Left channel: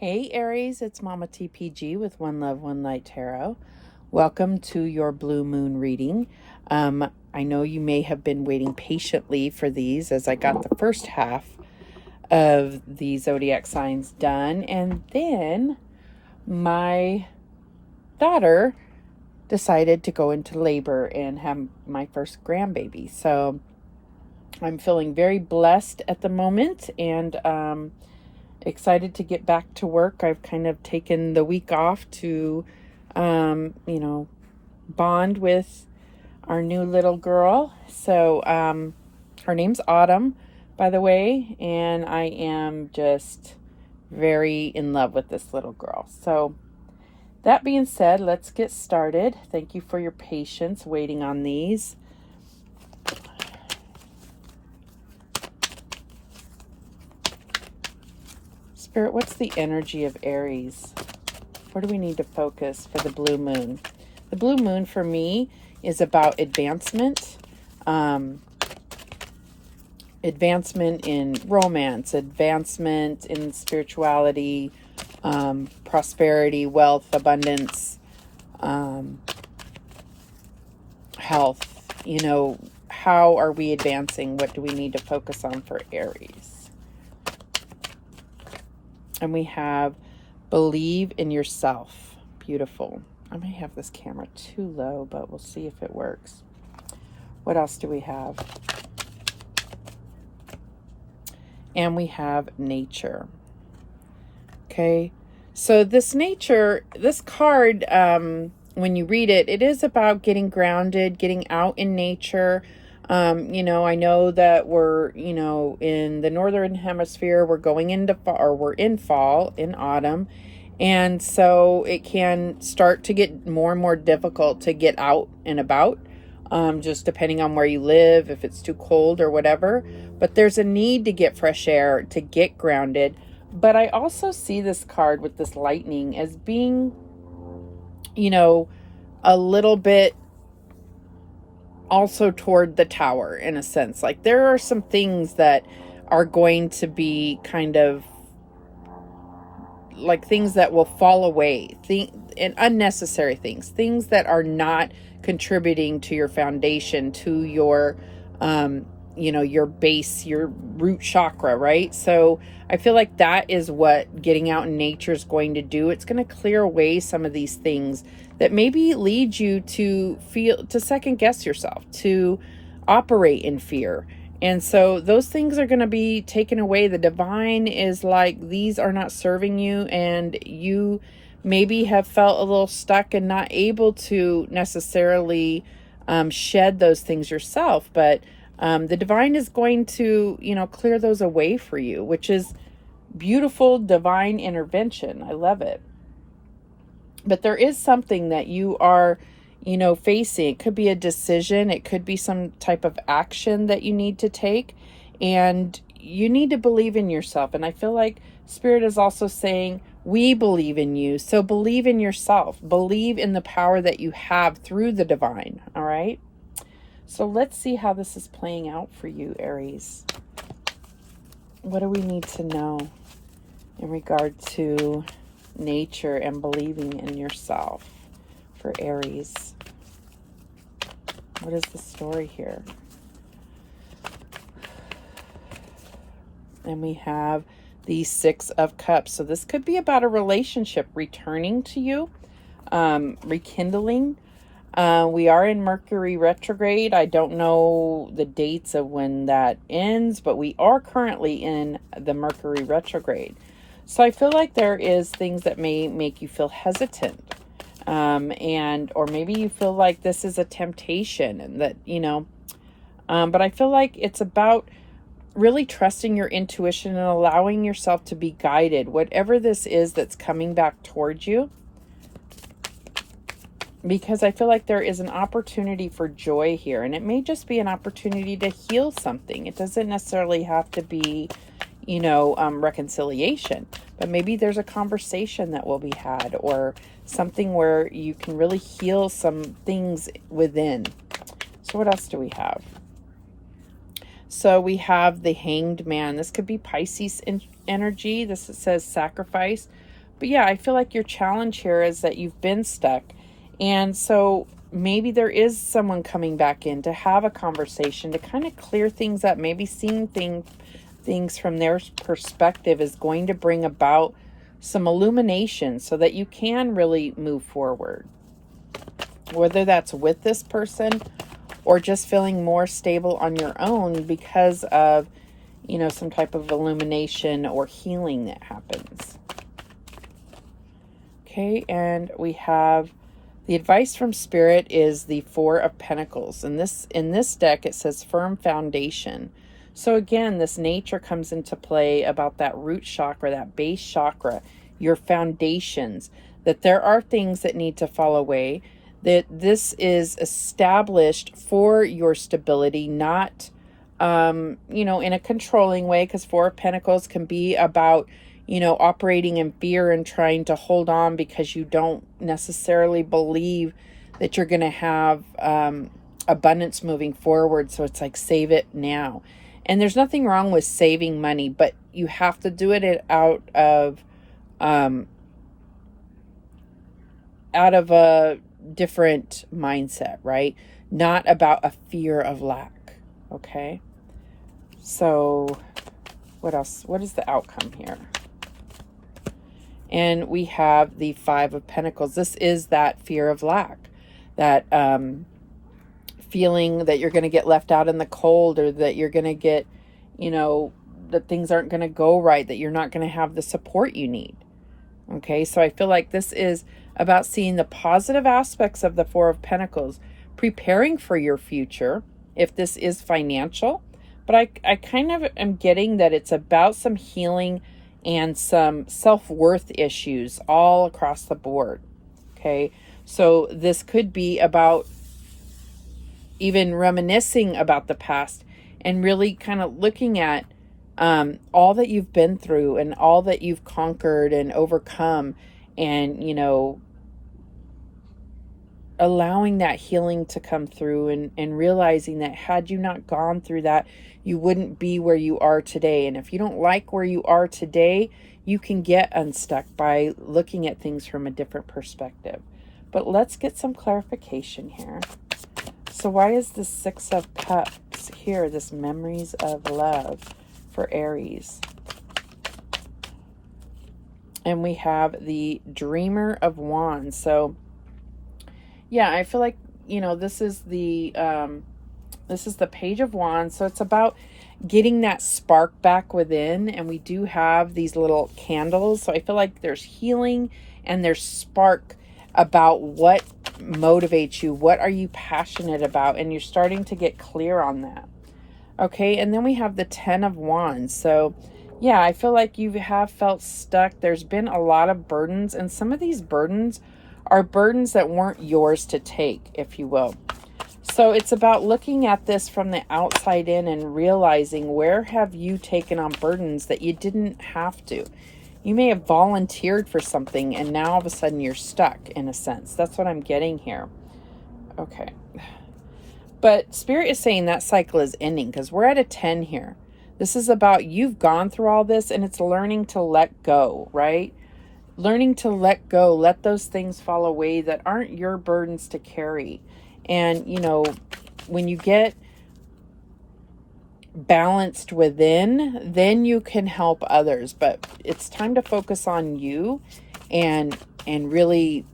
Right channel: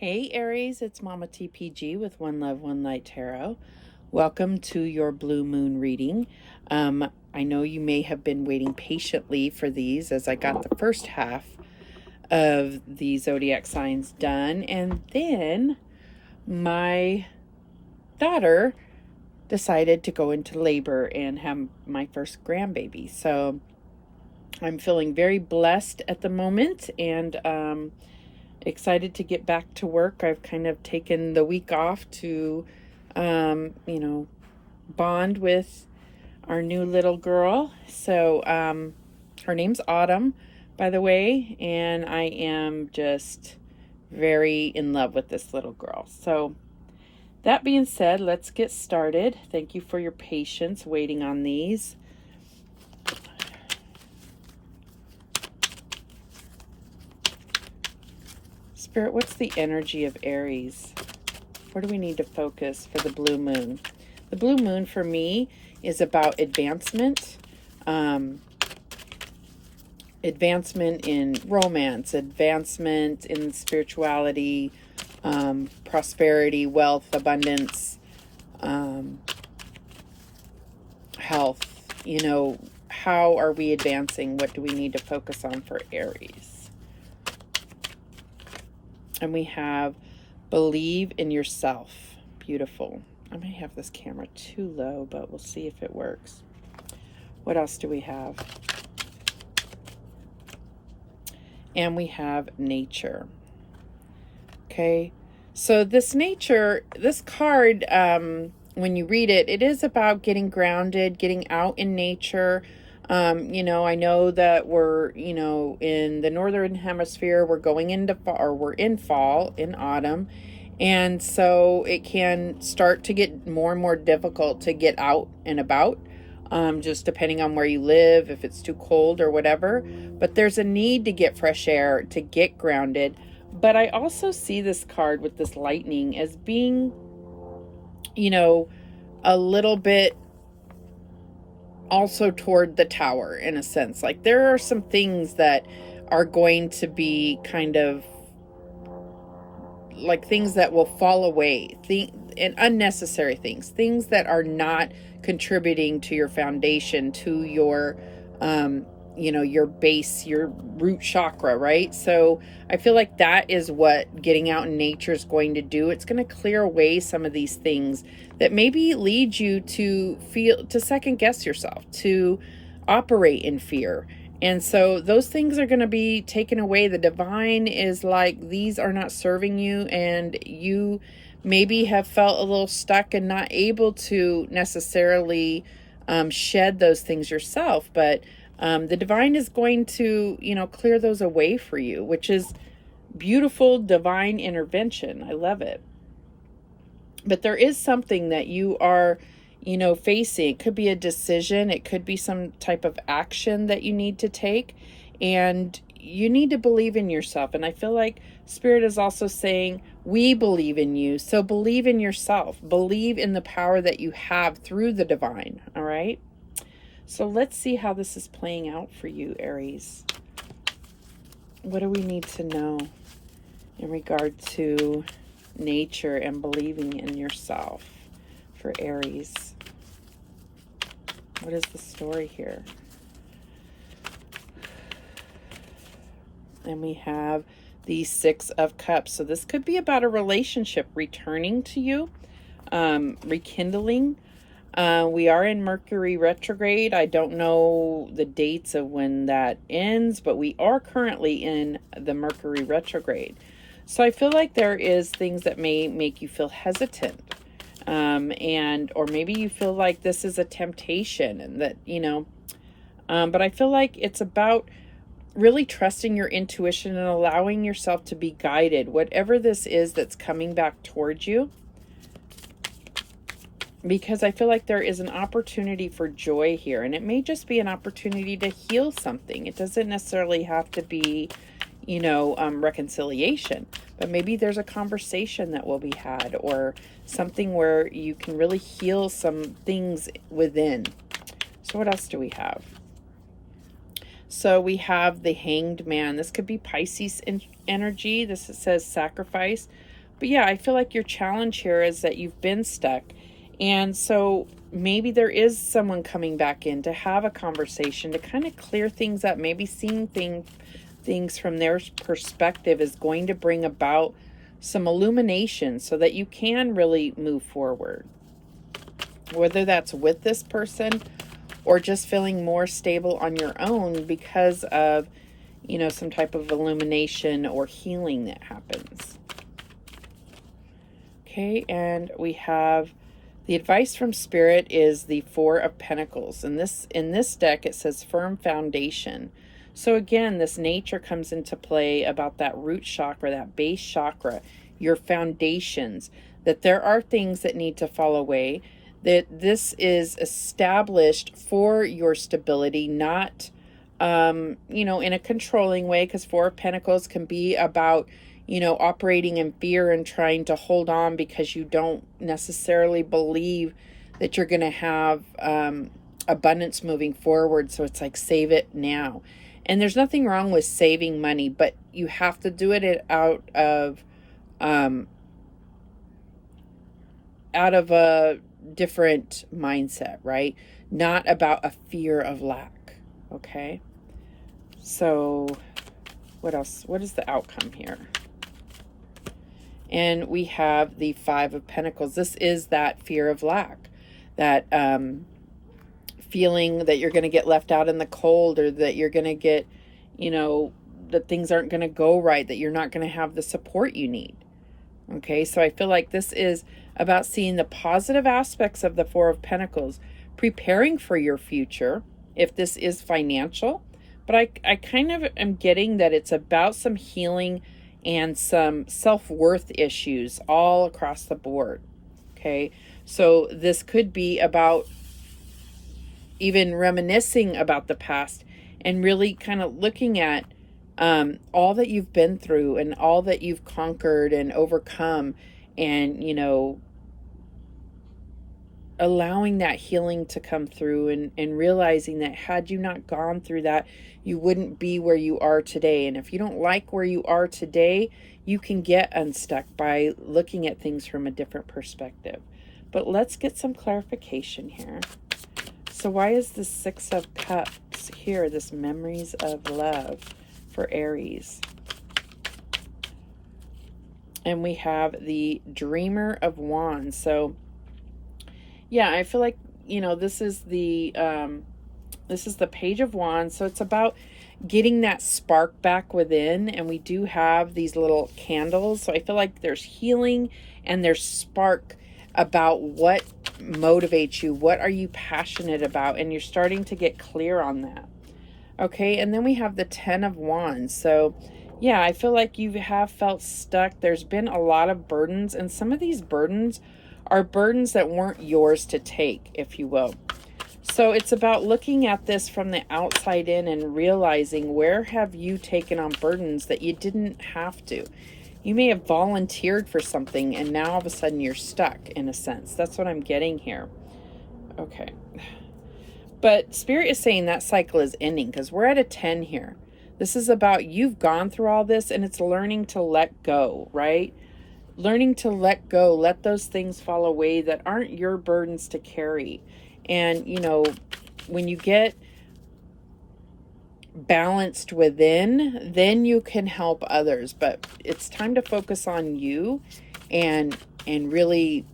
Hey Aries, it's Mama TPG with One Love, One Light Tarot. Welcome to your blue moon reading. I know you may have been waiting patiently for these as I got the first half of the zodiac signs done, and then my daughter decided to go into labor and have my first grandbaby. So I'm feeling very blessed at the moment, and excited to get back to work. I've kind of taken the week off to, bond with our new little girl. So her name's Autumn, by the way, and I am just very in love with this little girl. So that being said, let's get started. Thank you for your patience waiting on these. Spirit, what's the energy of Aries? Where do we need to focus for the blue moon? The blue moon for me is about advancement. Advancement in romance, advancement in spirituality, prosperity, wealth, abundance, health. How are we advancing? What do we need to focus on for Aries? And we have believe in yourself. Beautiful. I may have this camera too low, but we'll see if it works. What else do we have? And we have nature. Okay. So this card, when you read it, it is about getting grounded, getting out in nature. I know that we're, in the northern hemisphere, we're going into fall, or we're in fall, in autumn. And so it can start to get more and more difficult to get out and about, just depending on where you live, if it's too cold or whatever. But there's a need to get fresh air, to get grounded. But I also see this card with this lightning as being, a little bit also toward the tower, in a sense. Like there are some things that are going to be kind of like things that will fall away, and unnecessary things that are not contributing to your foundation, to your your base, your root chakra, right? So I feel like that is what getting out in nature is going to do. It's going to clear away some of these things that maybe lead you to second guess yourself, to operate in fear. And so those things are going to be taken away. The divine is like, these are not serving you, and you maybe have felt a little stuck and not able to necessarily shed those things yourself. But the divine is going to, clear those away for you, which is beautiful divine intervention. I love it. But there is something that you are, facing. It could be a decision. It could be some type of action that you need to take. And you need to believe in yourself. And I feel like Spirit is also saying, we believe in you. So believe in yourself. Believe in the power that you have through the divine. All right. So let's see how this is playing out for you, Aries. What do we need to know in regard to nature and believing in yourself for Aries? What is the story here? And we have the Six of Cups. So this could be about a relationship returning to you, rekindling. We are in Mercury retrograde. I don't know the dates of when that ends, but we are currently in the Mercury retrograde. So I feel like there is things that may make you feel hesitant. Or maybe you feel like this is a temptation, and that, but I feel like it's about really trusting your intuition and allowing yourself to be guided, whatever this is that's coming back towards you. Because I feel like there is an opportunity for joy here, and it may just be an opportunity to heal something. It doesn't necessarily have to be, reconciliation, but maybe there's a conversation that will be had, or something where you can really heal some things within. So what else do we have? So we have the Hanged Man. This could be Pisces energy. This says sacrifice. But yeah, I feel like your challenge here is that you've been stuck. And so maybe there is someone coming back in to have a conversation to kind of clear things up. Maybe seeing things from their perspective is going to bring about some illumination so that you can really move forward. Whether that's with this person or just feeling more stable on your own because of, you know, some type of illumination or healing that happens. Okay, and we have the advice from Spirit is the Four of Pentacles. And in this deck, it says firm foundation. So again, this nature comes into play about that root chakra, that base chakra, your foundations, that there are things that need to fall away, that this is established for your stability, not, you know, in a controlling way, because Four of Pentacles can be about, you know, operating in fear and trying to hold on because you don't necessarily believe that you're going to have abundance moving forward. So it's like, save it now. And there's nothing wrong with saving money, but you have to do it out of a different mindset, right? Not about a fear of lack. Okay. So what else? What is the outcome here? And we have the Five of Pentacles. This is that fear of lack, that feeling that you're going to get left out in the cold, or that you're going to get, you know, that things aren't going to go right, that you're not going to have the support you need. Okay, so I feel like this is about seeing the positive aspects of the Four of Pentacles, preparing for your future, if this is financial. But I kind of am getting that it's about some healing and some self-worth issues all across the board. Okay, so this could be about even reminiscing about the past and really kind of looking at all that you've been through and all that you've conquered and overcome, and, you know, allowing that healing to come through, and realizing that had you not gone through that, you wouldn't be where you are today. And if you don't like where you are today, you can get unstuck by looking at things from a different perspective. But let's get some clarification here. So why is the Six of Cups here, this memories of love for Aries? And we have the Dreamer of Wands. So yeah, I feel like, you know, this is the Page of Wands. So it's about getting that spark back within. And we do have these little candles. So I feel like there's healing and there's spark about what motivates you. What are you passionate about? And you're starting to get clear on that. Okay, and then we have the Ten of Wands. So yeah, I feel like you have felt stuck. There's been a lot of burdens, and some of these burdens are burdens that weren't yours to take, if you will. So it's about looking at this from the outside in and realizing, where have you taken on burdens that you didn't have to? You may have volunteered for something and now all of a sudden you're stuck, in a sense. That's what I'm getting here. Okay. But Spirit is saying that cycle is ending, because we're at a 10 here. This is about, you've gone through all this, and it's learning to let go, right? Learning to let go, let those things fall away that aren't your burdens to carry. And, you know, when you get balanced within, then you can help others. But it's time to focus on you and really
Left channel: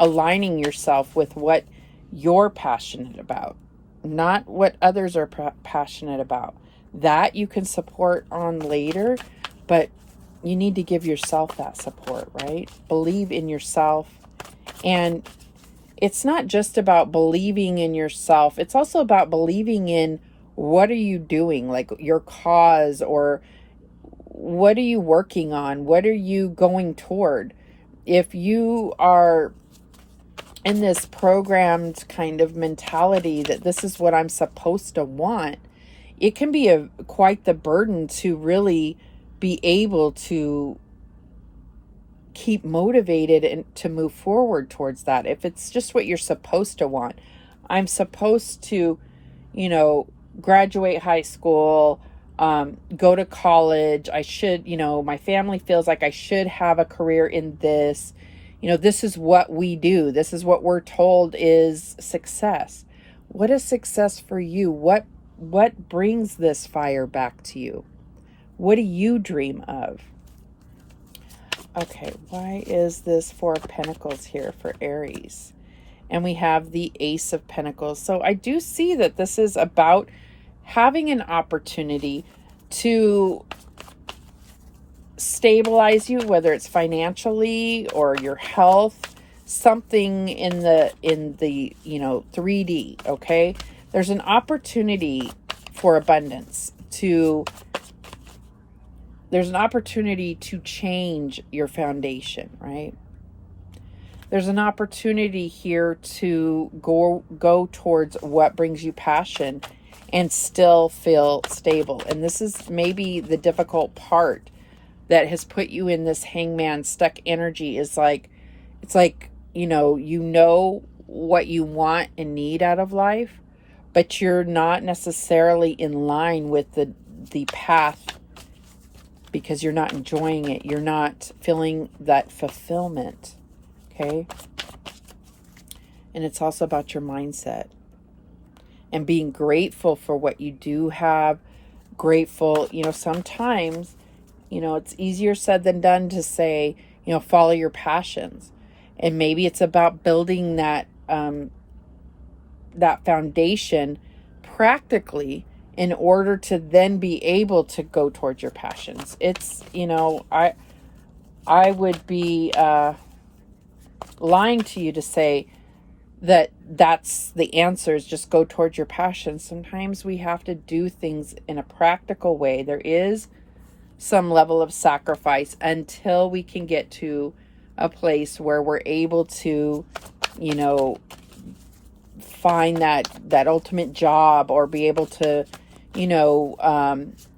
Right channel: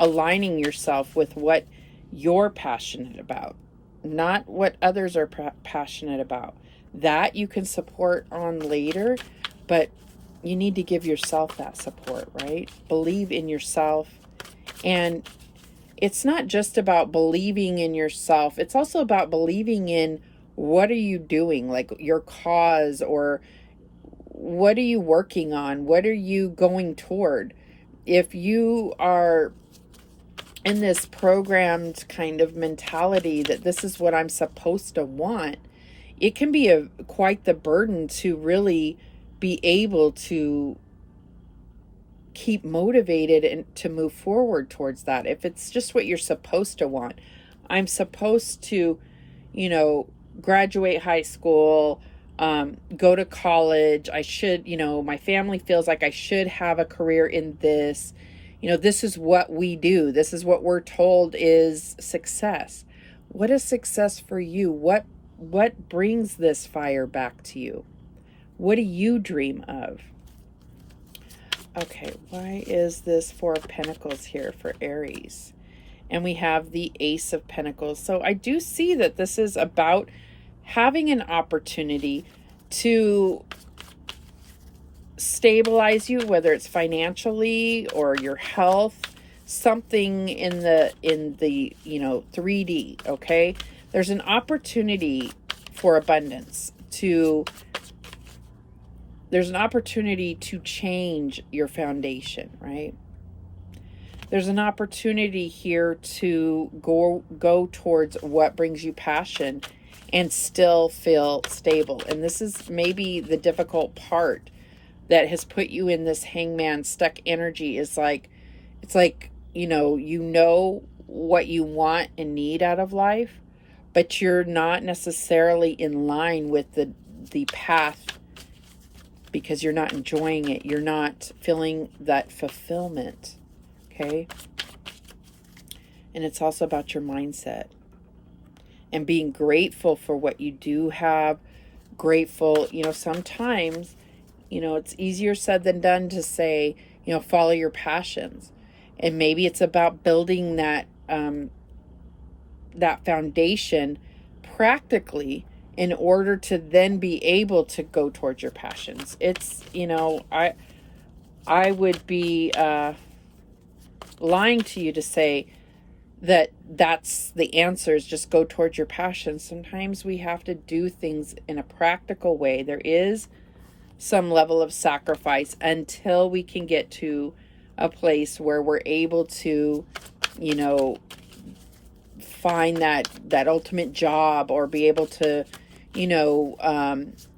aligning yourself with what you're passionate about, not what others are passionate about. That you can support on later, but you need to give yourself that support, right? Believe in yourself. And it's not just about believing in yourself. It's also about believing in, what are you doing? Like your cause, or what are you working on? What are you going toward? If you are in this programmed kind of mentality that this is what I'm supposed to want, it can be quite the burden to really be able to keep motivated and to move forward towards that. If it's just what you're supposed to want, I'm supposed to, you know, graduate high school, go to college. I should, my family feels like I should have a career in this. This is what we do. This is what we're told is success. What is success for you? What brings this fire back to you? What do you dream of? Okay, why is this Four of Pentacles here for Aries? And we have the Ace of Pentacles. So I do see that this is about having an opportunity to stabilize you, whether it's financially or your health, something in the 3D, okay? There's an opportunity for abundance there's an opportunity to change your foundation, right? There's an opportunity here to go towards what brings you passion and still feel stable. And this is maybe the difficult part that has put you in this hangman stuck energy. Is like, it's like, you know what you want and need out of life, but you're not necessarily in line with the path, because you're not enjoying it. You're not feeling that fulfillment, okay? And it's also about your mindset and being grateful for what you do have. Grateful, sometimes, it's easier said than done to say, follow your passions. And maybe it's about building that foundation practically in order to then be able to go towards your passions. It's, I would be lying to you to say that that's the answer, is just go towards your passions. Sometimes we have to do things in a practical way. There is some level of sacrifice until we can get to a place where we're able to, find that ultimate job, or be able to,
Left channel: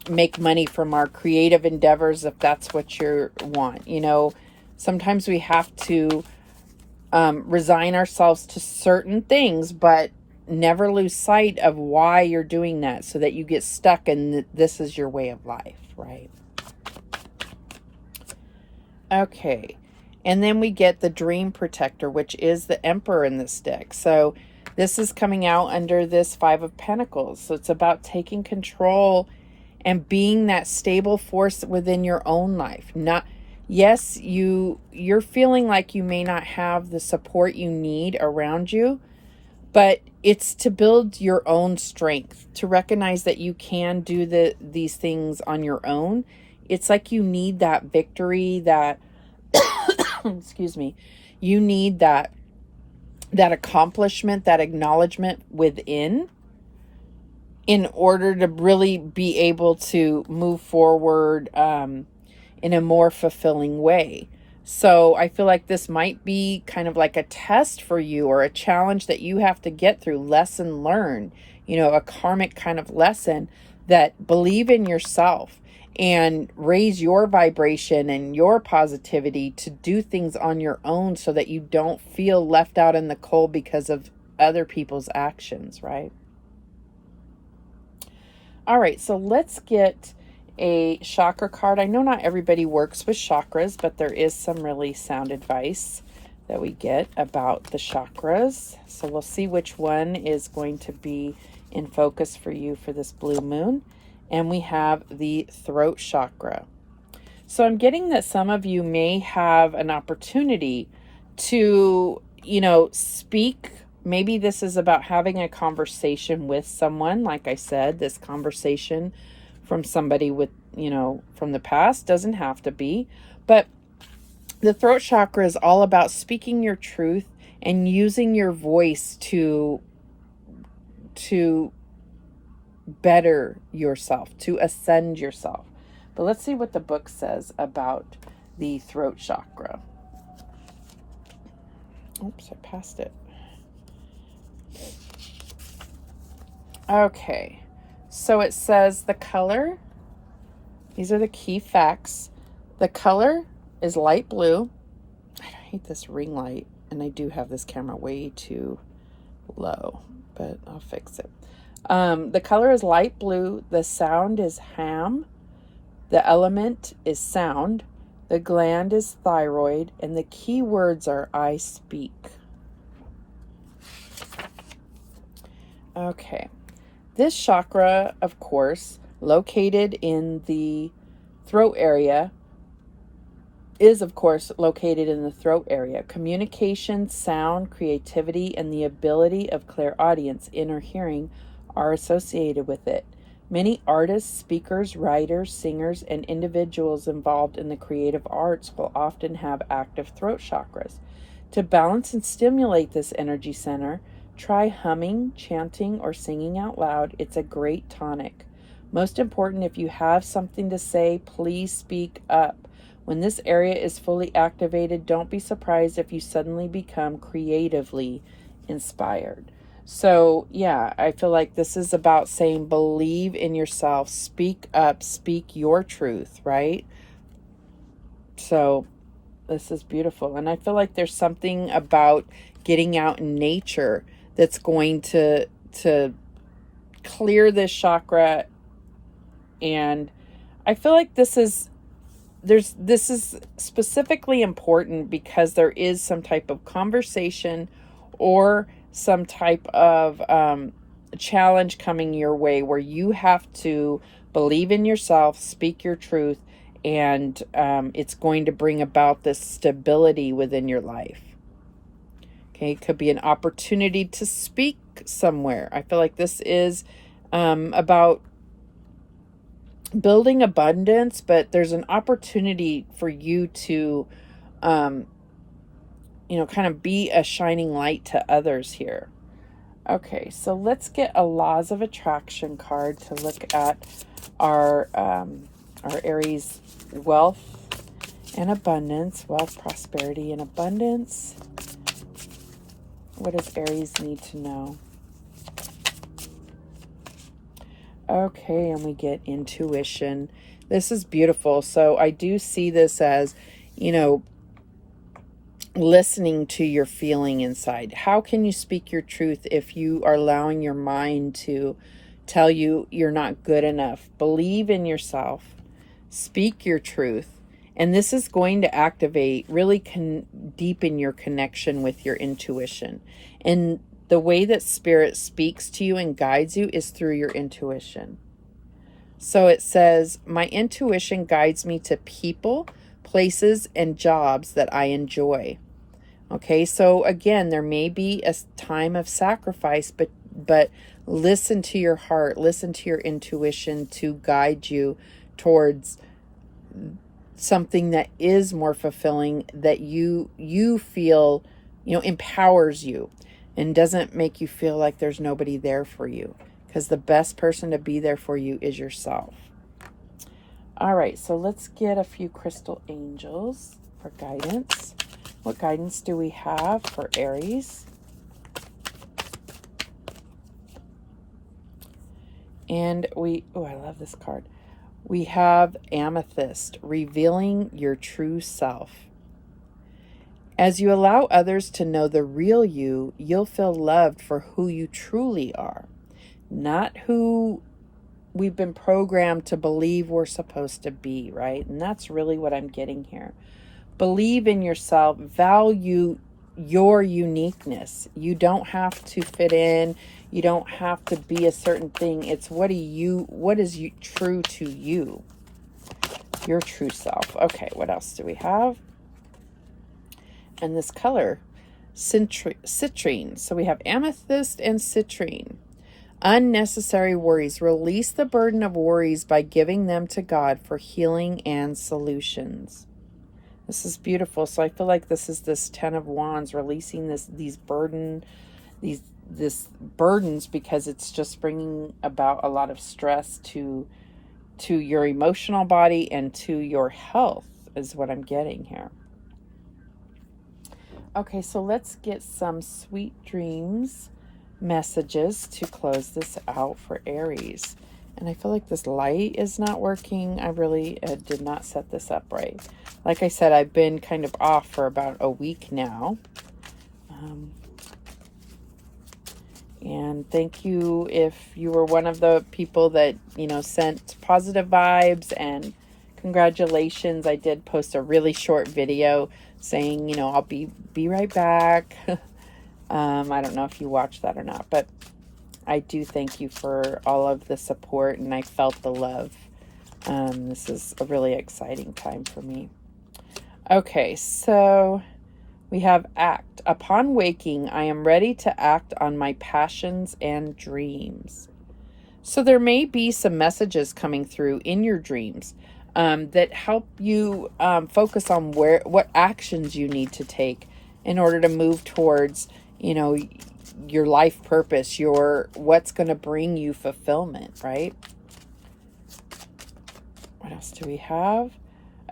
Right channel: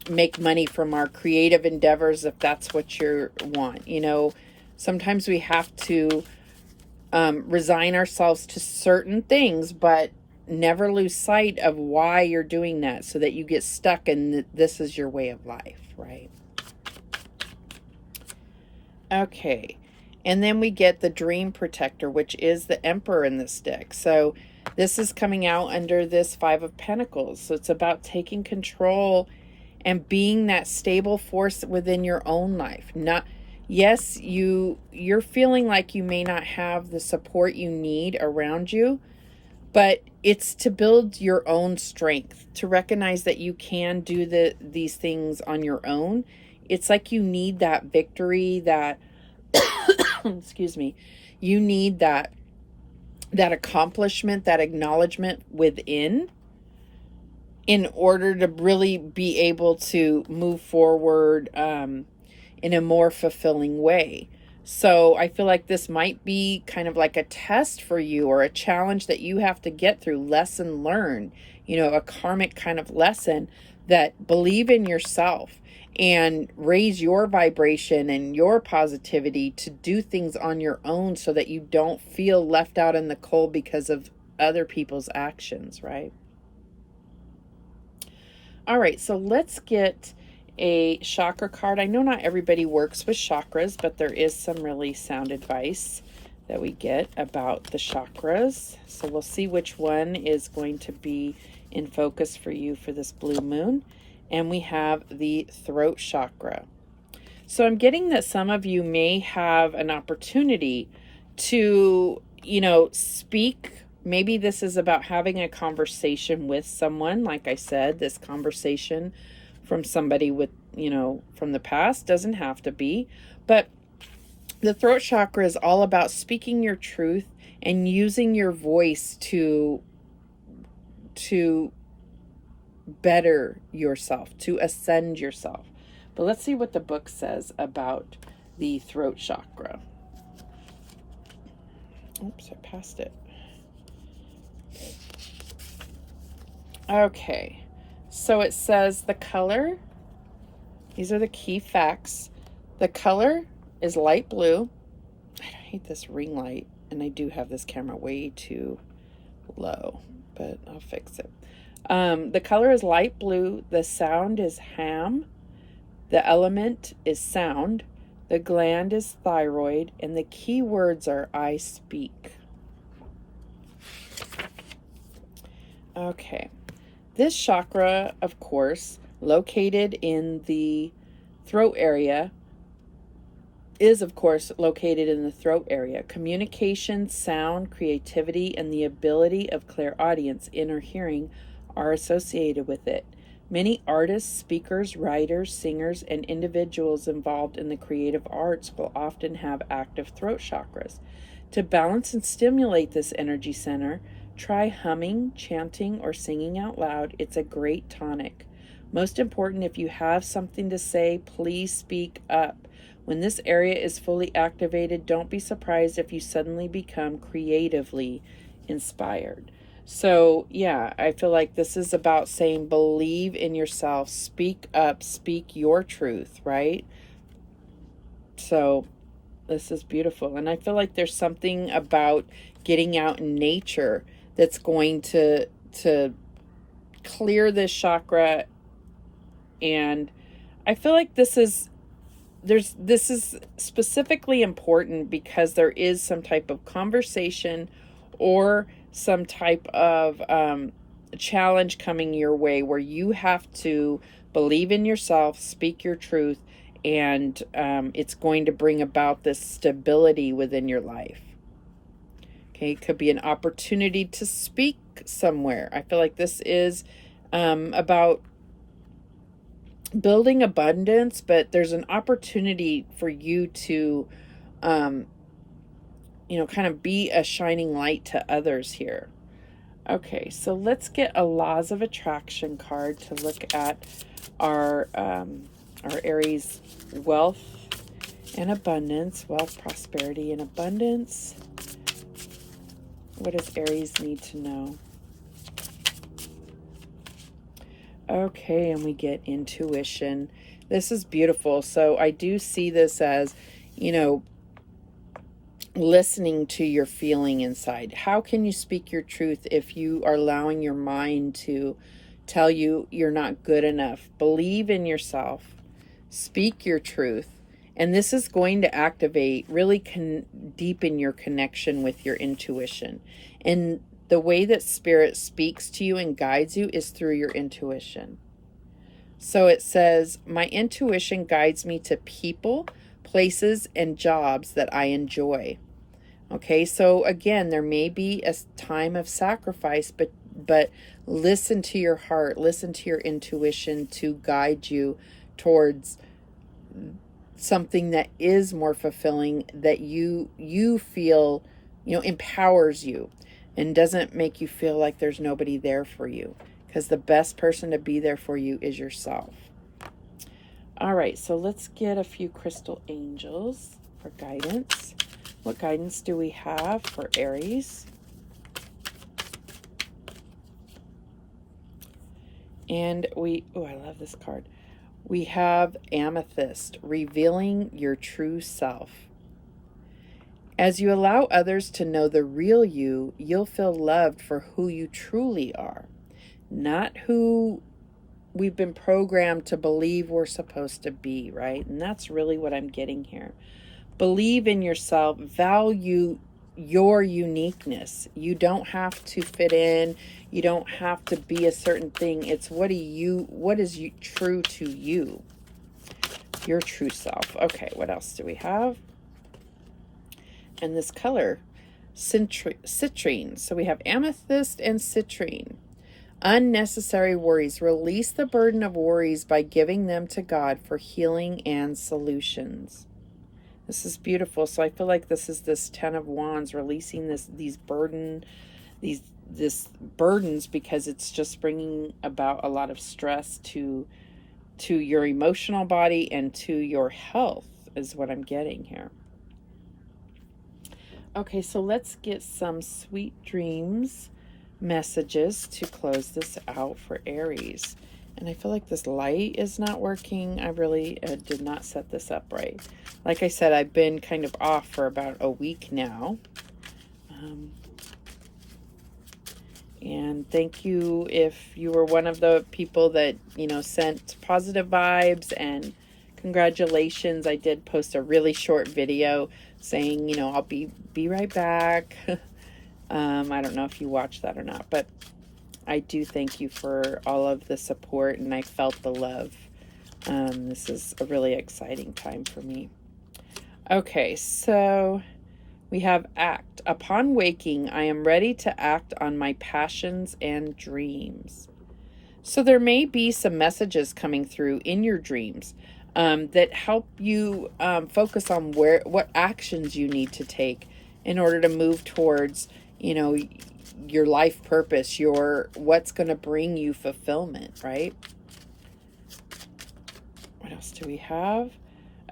make money from our creative endeavors, if that's what you want. Sometimes we have to resign ourselves to certain things, but never lose sight of why you're doing that, so that you get stuck and this is your way of life, right? Okay. And then we get the Dream Protector, which is the Emperor in this deck. So this is coming out under this Five of Pentacles. So it's about taking control and being that stable force within your own life. Yes, you're feeling like you may not have the support you need around you, but it's to build your own strength, to recognize that you can do these things on your own. It's like you need that victory, that excuse me, you need that accomplishment, that acknowledgement within, in order to really be able to move forward in a more fulfilling way. So I feel like this might be kind of like a test for you, or a challenge that you have to get through, lesson learned, a karmic kind of lesson, that believe in yourself and raise your vibration and your positivity to do things on your own, so that you don't feel left out in the cold because of other people's actions, right? All right, so let's get a chakra card. I know not everybody works with chakras, but there is some really sound advice that we get about the chakras. So we'll see which one is going to be in focus for you for this blue moon. And we have the throat chakra. So I'm getting that some of you may have an opportunity to, speak. Maybe this is about having a conversation with someone. Like I said, this conversation from somebody with, from the past, doesn't have to be. But the throat chakra is all about speaking your truth and using your voice to better yourself, to ascend yourself. But let's see what the book says about the throat chakra. Oops, I passed it. Okay, so it says the color, these are the key facts. The color is light blue. I hate this ring light, and I do have this camera way too low, but I'll fix it. The color is light blue. The sound is ham. The element is sound. The gland is thyroid. And the key words are I speak. Okay. This chakra, of course, located in the throat area, is of course located in the throat area. Communication, sound, creativity, and the ability of clairaudience, inner hearing, are associated with it. Many artists, speakers, writers, singers, and individuals involved in the creative arts will often have active throat chakras. To balance and stimulate this energy center, try humming, chanting, or singing out loud. It's a great tonic. Most important, if you have something to say, please speak up. When this area is fully activated, don't be surprised if you suddenly become creatively inspired. So, yeah, I feel like this is about saying believe in yourself, speak up, speak your truth, right? So, this is beautiful. And I feel like there's something about getting out in nature that's going to clear this chakra. And I feel like this is specifically important because there is some type of conversation or some type of challenge coming your way where you have to believe in yourself, speak your truth, and it's going to bring about this stability within your life. Okay, it could be an opportunity to speak somewhere. I feel like this is about building abundance, but there's an opportunity for you to, kind of be a shining light to others here. Okay, so let's get a Laws of Attraction card to look at our Aries wealth and abundance, wealth, prosperity, and abundance. What does Aries need to know? Okay, and we get intuition. This is beautiful. So I do see this as, listening to your feeling inside. How can you speak your truth if you are allowing your mind to tell you you're not good enough? Believe in yourself. Speak your truth. And this is going to activate, really deepen your connection with your intuition. And the way that Spirit speaks to you and guides you is through your intuition. So it says, my intuition guides me to people, places, and jobs that I enjoy. Okay, so again, there may be a time of sacrifice, but listen to your heart, listen to your intuition to guide you towards something that is more fulfilling, that you feel, empowers you and doesn't make you feel like there's nobody there for you, because the best person to be there for you is yourself. All right, so let's get a few crystal angels for guidance. What guidance do we have for Aries? And I love this card. We have Amethyst, revealing your true self. As you allow others to know the real you, you'll feel loved for who you truly are, not who we've been programmed to believe we're supposed to be, right? And that's really what I'm getting here. Believe in yourself, value your uniqueness. You don't have to fit in. You don't have to be a certain thing. It's what is true to you, your true self. Okay, what else do we have? And this color, citrine. So we have amethyst and citrine. Unnecessary worries. Release the burden of worries by giving them to God for healing and solutions. This is beautiful. So I feel like this is this 10 of Wands, releasing these burdens, because it's just bringing about a lot of stress to your emotional body and to your health is what I'm getting here. Okay, so let's get some sweet dreams messages to close this out for Aries. And I feel like this light is not working. I really did not set this up right. Like I said, I've been kind of off for about a week now. And thank you if you were one of the people that, sent positive vibes, and congratulations. I did post a really short video saying, I'll be right back. I don't know if you watched that or not, but I do thank you for all of the support, and I felt the love. This is a really exciting time for me. Okay, so we have act. Upon waking, I am ready to act on my passions and dreams. So there may be some messages coming through in your dreams that help you focus on what actions you need to take in order to move towards, your life purpose, what's going to bring you fulfillment, right? What else do we have?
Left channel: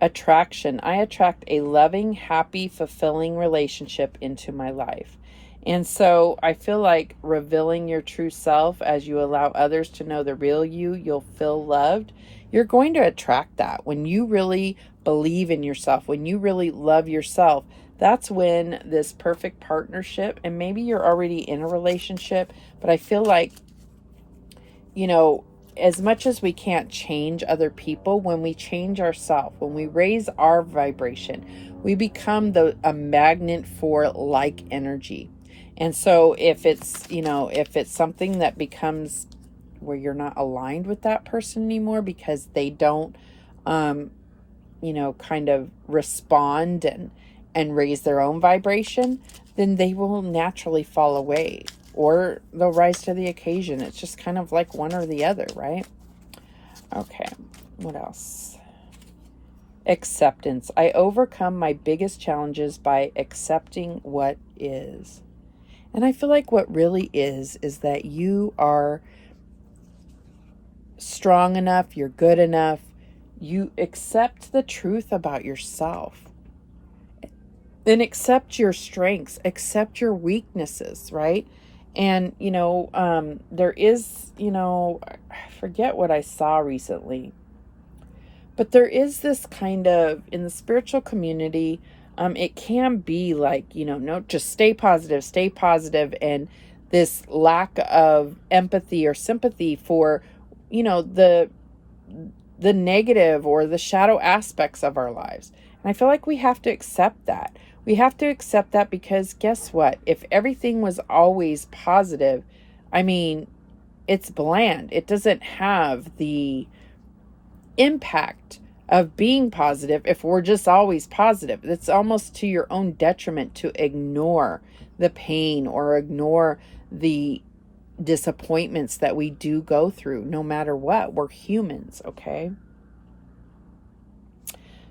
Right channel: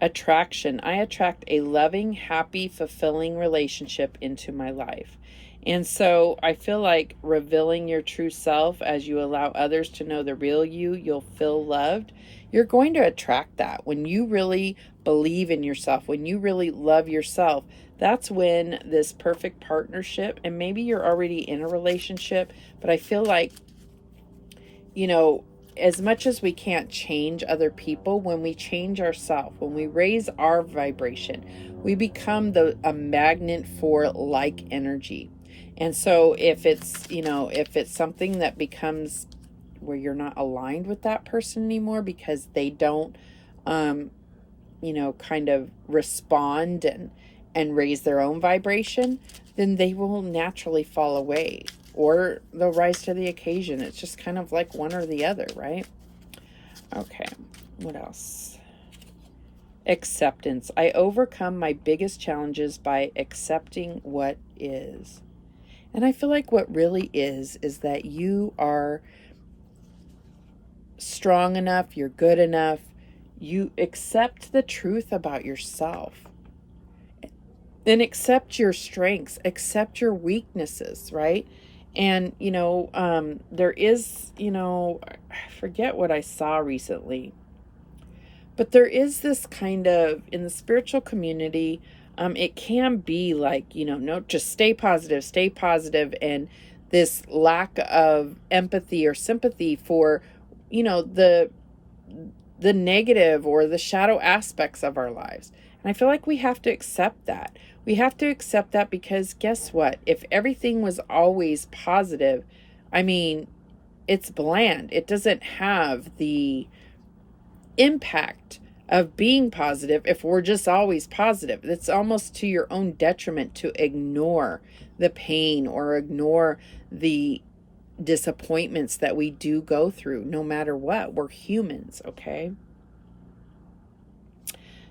Attraction. I attract a loving, happy, fulfilling relationship into my life. And so I feel like revealing your true self as you allow others to know the real you, you'll feel loved. You're going to attract that. When you really believe in yourself, when you really love yourself, that's when this perfect partnership, and maybe you're already in a relationship, but I feel like, as much as we can't change other people, when we change ourselves, when we raise our vibration, we become a magnet for like energy. And so if it's something that becomes where you're not aligned with that person anymore because they don't, kind of respond and raise their own vibration, then they will naturally fall away. Or they'll rise to the occasion. It's just kind of like one or the other, right? Okay, what else? Acceptance. I overcome my biggest challenges by accepting what is. And I feel like what really is that you are strong enough, you're good enough, you accept the truth about yourself. Then accept your strengths, accept your weaknesses, right? And, there is, I forget what I saw recently, but there is this kind of, in the spiritual community, it can be like, no, just stay positive. And this lack of empathy or sympathy for, the negative or the shadow aspects of our lives. And I feel like we have to accept that. We have to accept that because guess what? If everything was always positive, it's bland. It doesn't have the impact of being positive if we're just always positive. It's almost to your own detriment to ignore the pain or ignore the disappointments that we do go through, no matter what. We're humans, okay?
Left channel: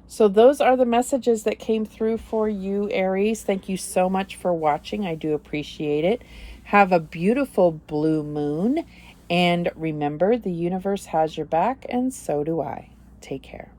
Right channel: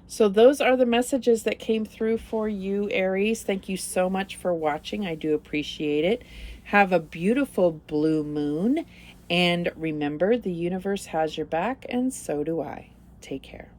So those are the messages that came through for you, Aries. Thank you so much for watching. I do appreciate it. Have a beautiful blue moon. And remember, the universe has your back, and so do I. Take care.